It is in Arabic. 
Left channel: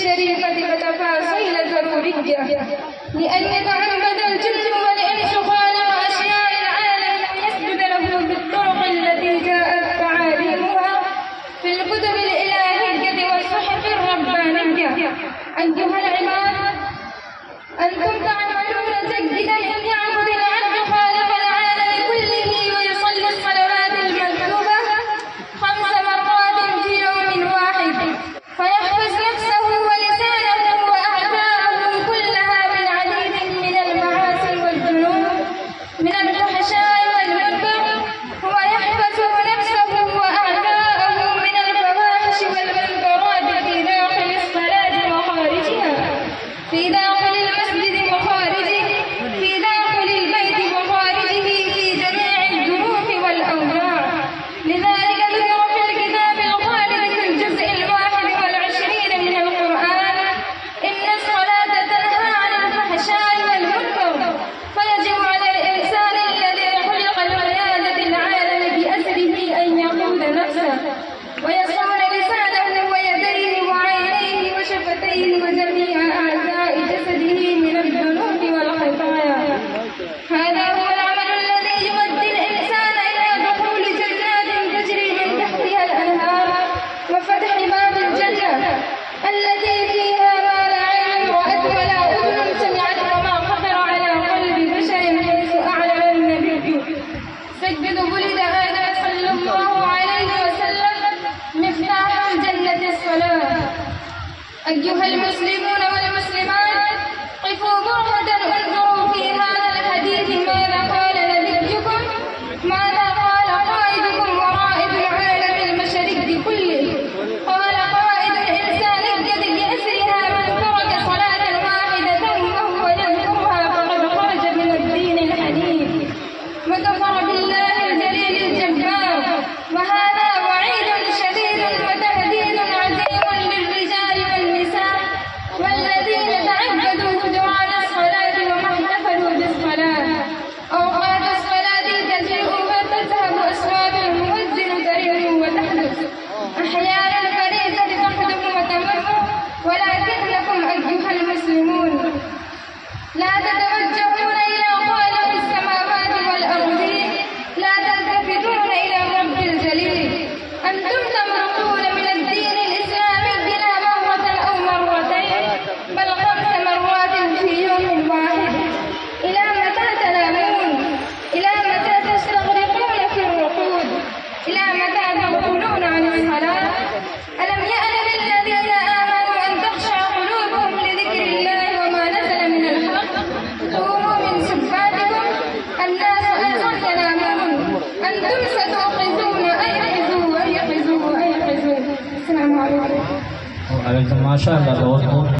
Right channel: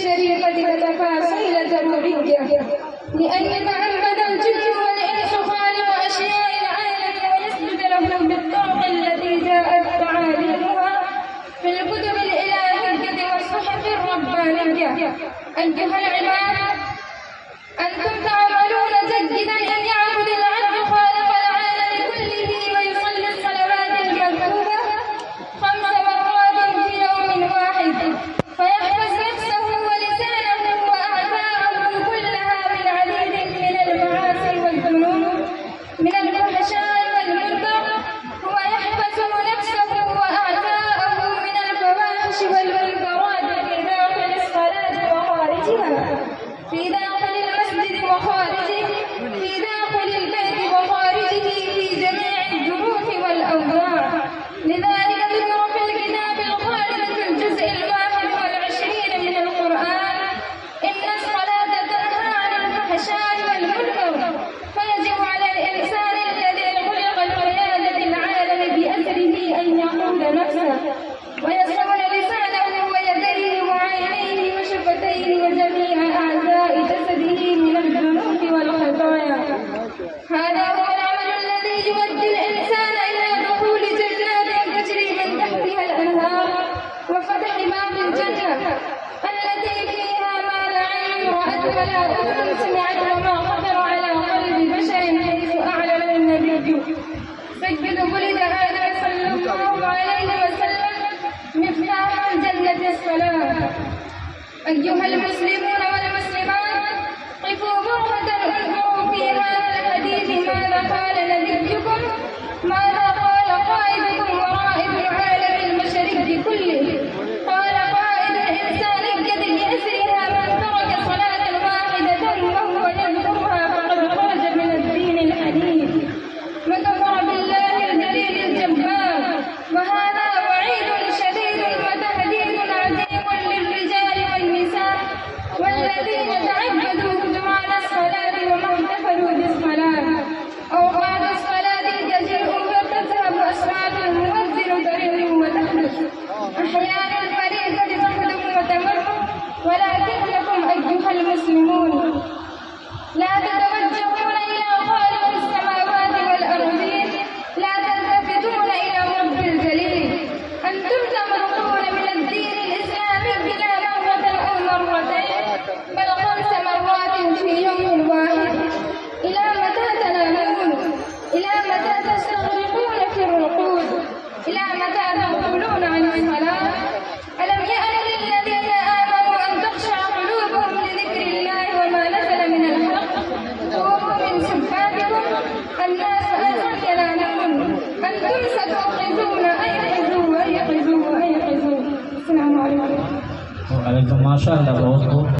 الشريفة وتفاصيل ضرورية، لأن يتعمد الجن والإنس خالق أشياء العالم ويسجد له بالطرق التي جاءت تعاليمها في الكتب الإلهية والصحف الربانية. أيها العباد، أنتم تعملون جيدا أن يعبد العبد خالق العالم كله ويصلي الصلوات المكتوبة 5 مرات في يوم واحد، فيحفظ نفسه ولسانه وأعداءه كلها من عديد من المعاصي والذنوب من الفحشاء والمنكر، ويحفظ نفسه وأعداءه من الفواحش والمنكرات في داخل الصلاة وخارجها، في داخل المسجد وخارجه، في داخل البيت وخارجه، في جميع الظروف والأوضاع. لذلك ذكر في الكتاب الخالد في الجزء 21 من القرآن: إن الصلاة تنهى عن الفحشاء والمنكر، فيجب على الإنسان الذي خلق لقيادة العالم بأسره أن يقود نفسه ويصون لسانه ويديه وعينيه وشفتيه وجميع أعضاء جسده من الذنوب والخطايا. هذا هو العمل الذي يؤدي الإنسان إلى دخول جنات تجري من تحتها الأنهار وفتح باب الجنة التي فيها ما لا عين رأت ولا أذن سمعت وما خطر على قلب بشر، حيث أعلن النبي سيد ولد آدم صلى الله عليه وسلم مفتاح الجنة الصلاة. أيها المسلمون والمسلمات، قفوا برهة انظروا في هذا الحديث ماذا قال نبيكم، ماذا قال قائدكم ورائد العالم المشرقي كله. قال قائد الإنسانية بأسرها: من ترك صلاة واحدة وهو يذكرها فقد خرج من الدين الحنيف وكفر بالله الجليل الجبار. وهذا وعيد شديد وتهديد عظيم للرجال والنساء والذين تعبدوا خضوعان الصلاة وما احتفلوا بالصلاة. أوقات الصلاة تجيء فتذهب أصوات المؤذن ترن وتحدث، أحيانا الفريضة تحدث وتمر، ولكنكم أيها المسلمون لا تتوجهون إلى خالق السماوات والأرضين، لا تلتفتون إلى الرب الجليل. أنتم تمرقون من الدين الإسلامي لا مرة أو مرتين بل 5 مرات في يوم واحد. إلى متى تنامون؟ إلى متى تستغرقون في الرقود؟ إلى متى تغفلون عن الصلاة؟ ألم يأن للذين آمنوا أن تخشع قلوبهم لذكر الله وما نزل من الحق؟ قوموا من سباتكم، الناس أيضا ينامون، أنتم ستوقظون. أيقظوا أيقظوا أيقظوا. السلام عليكم. وعليكم ما شاء الله.